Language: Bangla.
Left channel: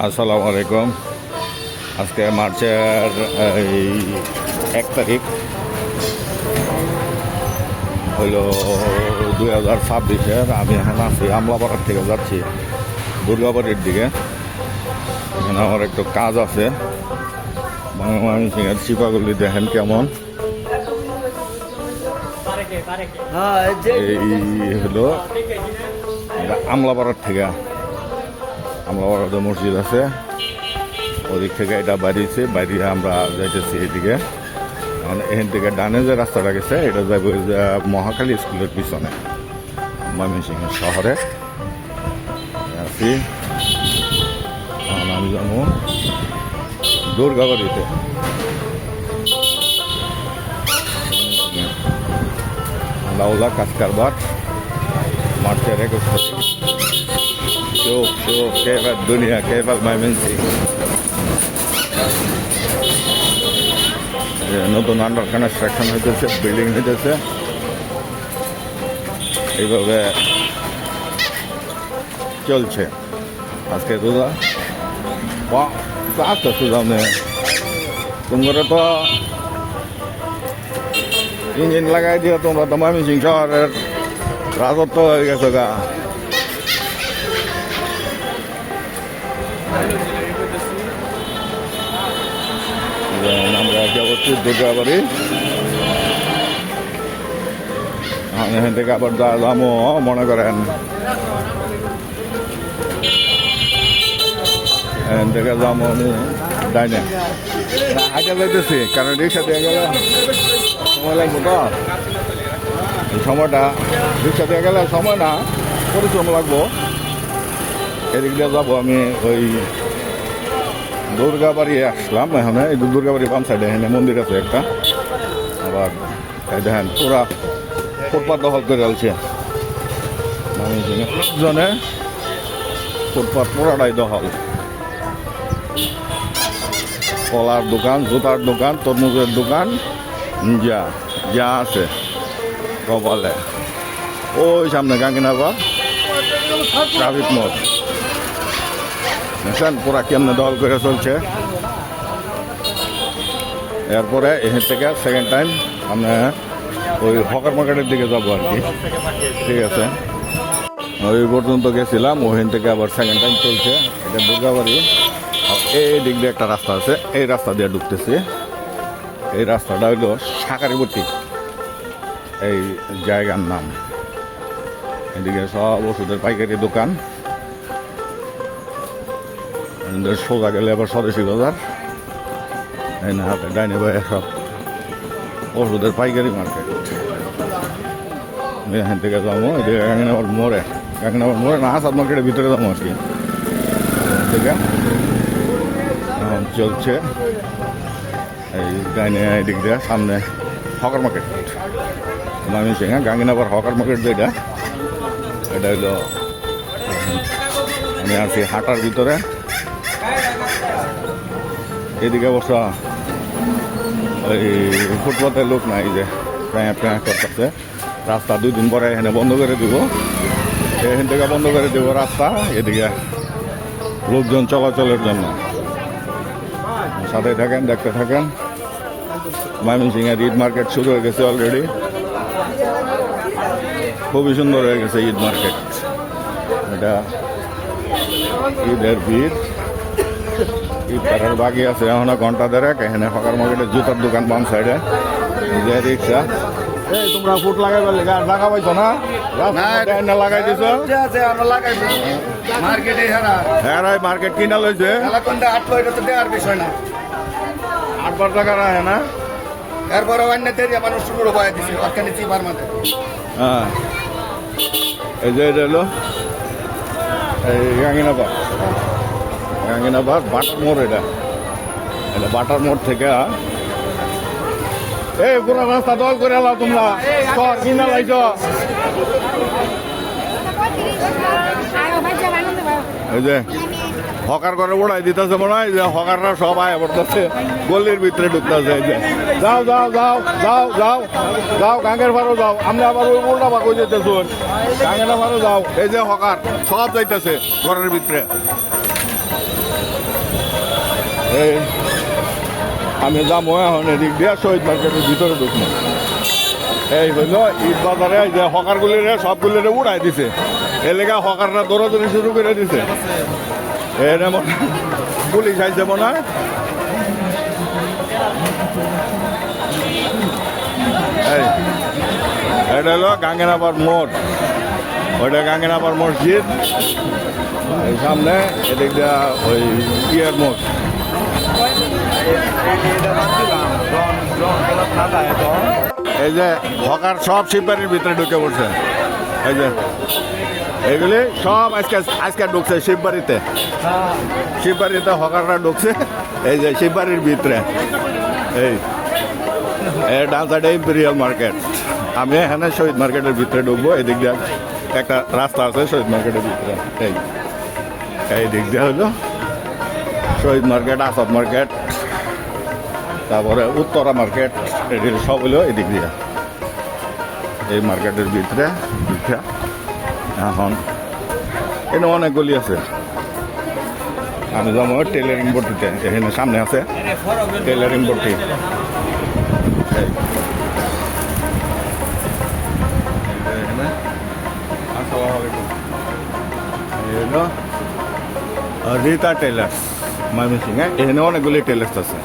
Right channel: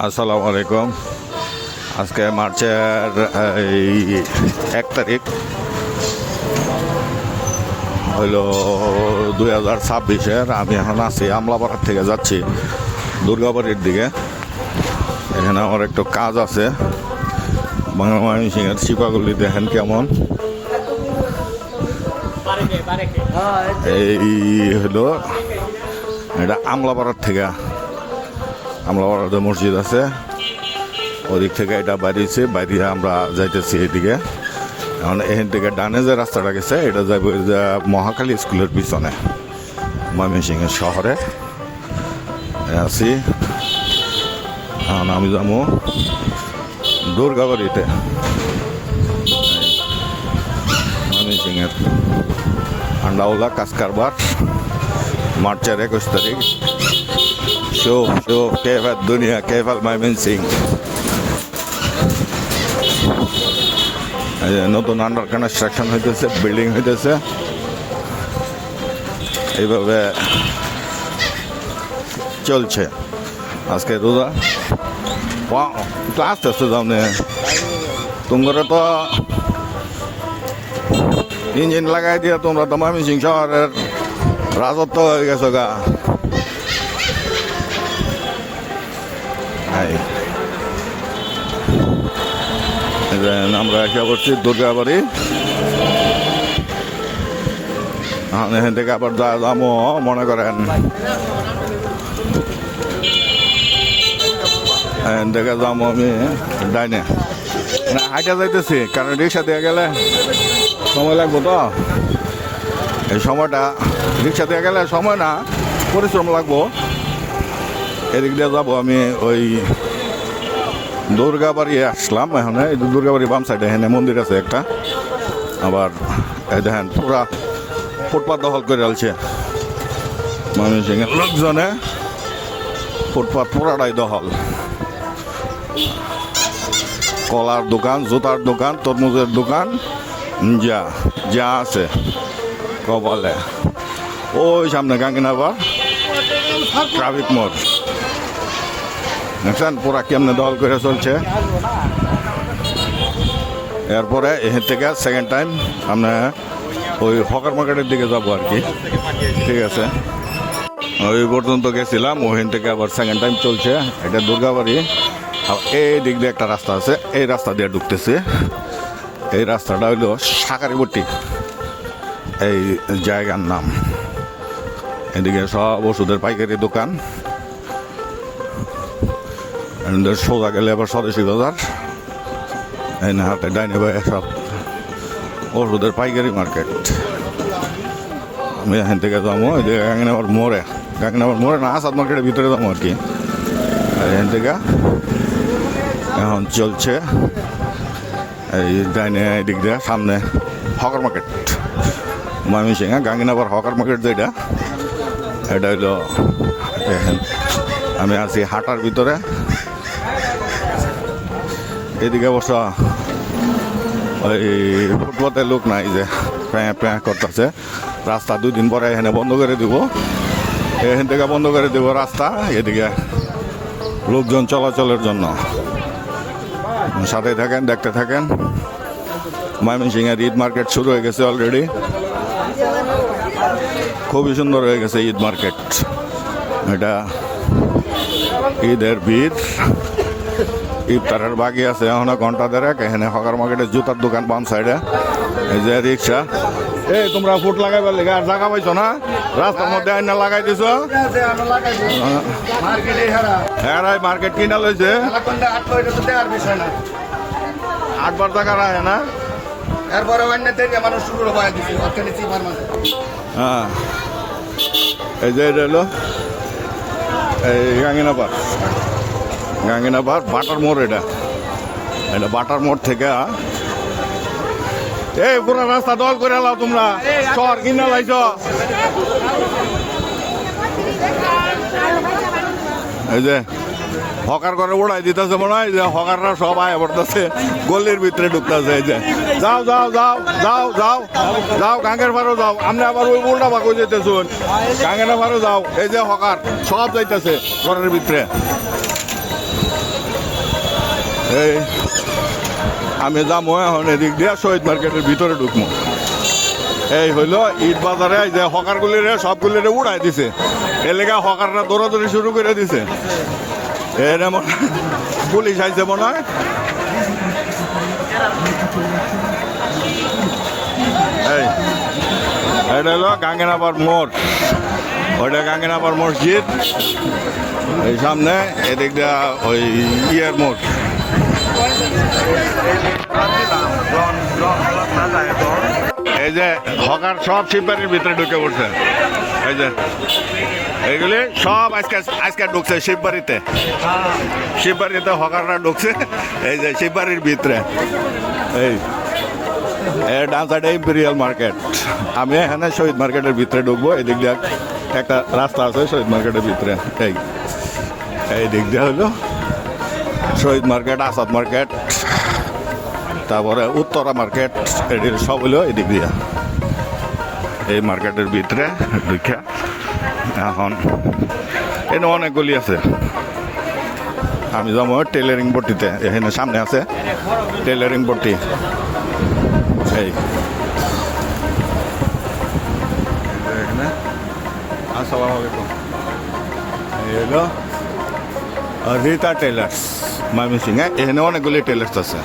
আসসালামু আলাইকুম। আজকে মার্চের 1 তারিখ হইল 2026-এর। আমি এখন আছি আমলাপাড়ার থেকে যাচ্ছি দুর্গাবাড়ির দিকে। এখানে আমার একটু কাজ আছে। ময়মনসিংহের শিপাগুলি দেখেন কেমন। এই হলো এটা আমলাপাড়ার থেকে, আমলাপাড়াতে মসজিদ আছে, ওদিক থেকে এটা বাইরেছে, বাইরে আমরা যাইতেছি এইদিকে। এখন এখান থেকে ডানে যে রাস্তাটা গেছে এটা যাইব মহাখালী স্কুলের পিছনে, ময়মনসিংহের শহরে আছি। এখন আমি যাবো দুর্গাবাড়িতে, ময়মনসিংহের আন্ডাউলা কাজকারবার। মার্চের 21 তারিখ। শো কেভার দুনিয়া, কেভার ময়মনসিংহ। নতুন আন্ডার কনস্ট্রাকশন হইতেছে, বিল্ডিং হইতেছে। এইভাবে চলছে। আজকে রোজা আস্তে আস্তে যাবে। তোমরা তো ইঞ্জিন লাগাই দিয়ে তোমরা তো ময়মনসিংহ শহরের রাজত্ব হয়ে গেছে গা। আমরা একটা করছি দুর্গাবাড়ি। এখান থেকে আবার যা যাবো মনে করেন এখান থেকে যাবো আমি ডাইনে হাইটা যাইতেছি, কারণ রিক্সা দিয়ে গেলে সময় লাগবে তো। এই সময়টা রিক্সা দিয়ে গেলে সময় না, পরিশ্রম লাগবো। এদিক দিয়ে যাবো আমি ওই দুর্গাবাড়ি আসলাম। এখানে এই দুর্গাবাড়ি বাম সাইডে এখানে মন্দির আছে একটা। আবার এই দেখেন পুরা ফুটপাত দখল করে আলছে ময়মনসিংহের লোকজনে। ফুটপাত পুরাটাই দখল। কলার দোকান, জুতার দোকান, তরমুজের দোকান, যা যা আছে কপালে। ওই সামনে গাঙ্গিনাবার ট্রাফিক মোড় দেখছেন পুরা কেমনে দখল করে চলছে। এরপরে এখান থেকে সেকেন্ড টাইম আমরা ওই হকার মার্কেটের দিকে যাবো আর কি। ঠিক আছে, ওই পর্যন্ত গেছিলাম, ওখান থেকে আবার সেকেন্ড টাইম চলছে। এটা দুর্গাবাড়ি। আর এই দিক দিয়ে একটা রাস্তা আছে, এই রাস্তা দিয়ে ঢুকতেছে। এই রাস্তাটা হইল শাকারিবটি, এই জায়গার নাম। এদিকে সব ওষুধের পাইকারি দোকান। সোজা গেলে আবার স্বদেশী বাজার। এই না হাতে ডাইনে ভাই সব ওষুধের পাইকারি মার্কেট। আমি এখান থেকে যাবো এই যে গাঙ্গিনাবার মোড়ে, গাঙ্গিনাবার মোড়ে না আসাদ মার্কেটের ভিতরে যাবো আর কি। এখান থেকে এখন চলছে এই ডাইনে দিক দিয়ে সামনে হকার মার্কেট ময়মনসিংহ। গাঙ্গিনাবার হকার মার্কেট যেটা, এটা হইলো এখন আমি আছি হাটার ভিতরে। এদিকে অবশ্য ওই ফুটপাতের লোক নাই, যে প্যাঁ করতেছে। রাস্তা 2 দিন পরে এখানে বন্ধ করে দিব, এখান থেকে বন্ধ করে দেবো রাস্তা এদিকে লোকজন চলাচলের জন্য। সাথে থাকেন, দেখতে থাকেন। ময়মনসিংহের ঈদ মার্কেট শুরু হয়ে গেছে অলরেডি। খুবই সুন্দর হয়ে গেছে ঈদ মার্কেট। এটা ঈদের ভিড়, ইফতারের বাকি আছে এখনো ঘন্টা দেড়েক। এখানে হকার মার্কেটের জুতার দোকান বাম সাইডে, এই যে রিক্সা। এই তোমরা ফুট লাগাই পারলে জায়গা পাইছো না, রাস্তার মধ্যে এনে লাগাই দিছো। হ্যাঁ মার্কেট কিনা লইছে 8বার টাকা রাখে না। এরপরে মানুষ শুরু করে দিচ্ছে। হ্যাঁ এই যে এটা হলো এই গাঙ্গিনাবার বাটার মোড়। এটা এটা বাটার মোড় থেকে এই পুরো রাস্তা দল করে এলাও তোমরা, শহর কিনা লাইছ। এই যে হকার করে উড়াই দিতেছে মনে হয়, যে হকাররা সব আয় পড়তেছে, গলির ভিতরে ঢুকতেছে। এই যে যাও যাও যাও যাও যাও যাও গাঙ্গের ভাড়ো যাও। আমরা আবার ওই উল্টা ভাগ হয়ে যেতেছি, গাঙ্গের ভাড়ো যাও। এই যে হকার সব যাইতেছে ঘরের ভিতরে। এই আমি যাবো এখন এদিক দিয়ে শহীদ মার্কেটের ভিতরে ঢুকবো। এই হইলো ঈদ বাজারে এই যে হকারগুলিরে সবগুলিরে উড়াই দিছে, এলাকা হকাররা দৌড়াদৌড়ি শুরু করে দিছে। এর মনে পুলিশ আইছে মনে হয়। এই এটা হলো গাঙ্গেনাপাড় মোড়, ওইটা গাঙ্গেনাপাড় মসজিদ, এই সামনে এদিক দিয়া ওই ইয়ের মোড়। এই যে হকার সব শিববাড়ির ভিতরে ঢুকে পড়ছে। এই যে এইগুলি সব আজকে আজকে ঢুকছে শিববাড়িতে, শিববাড়িতে হকাররা ঢুকছে। এই যে শিববাড়ির ভিতরে এই ডান্সারটা ইম্পেরিয়াল মার্কেট। আমি এখানে শহীদ মার্কেটের ভিতরে ঢুকবো। এদিক দিয়ে একটা রাস্তা আছে শহীদ মার্কেটের ভিতরে। এই দিক দিয়ে হলো শহীদ মার্কেট, আসাদ মার্কেট, তারপরে উত্তরা মার্কেট, এটির সব হলো এদিক দিয়ে। এই মার্কেটের ভিতরে ঢুকে এখন এখানে অনেকগুলি আছে। আমি যাবো টেলারিং ভর্তিতে, এখানে সামনে আছে টেলারিং ভর্তি। এই এখানে আসসালামু আলাইকুম, এই হলো রীতা টেলার্স ময়মনসিংহে। এখানে অনেকগুলি টেলার্স আছে।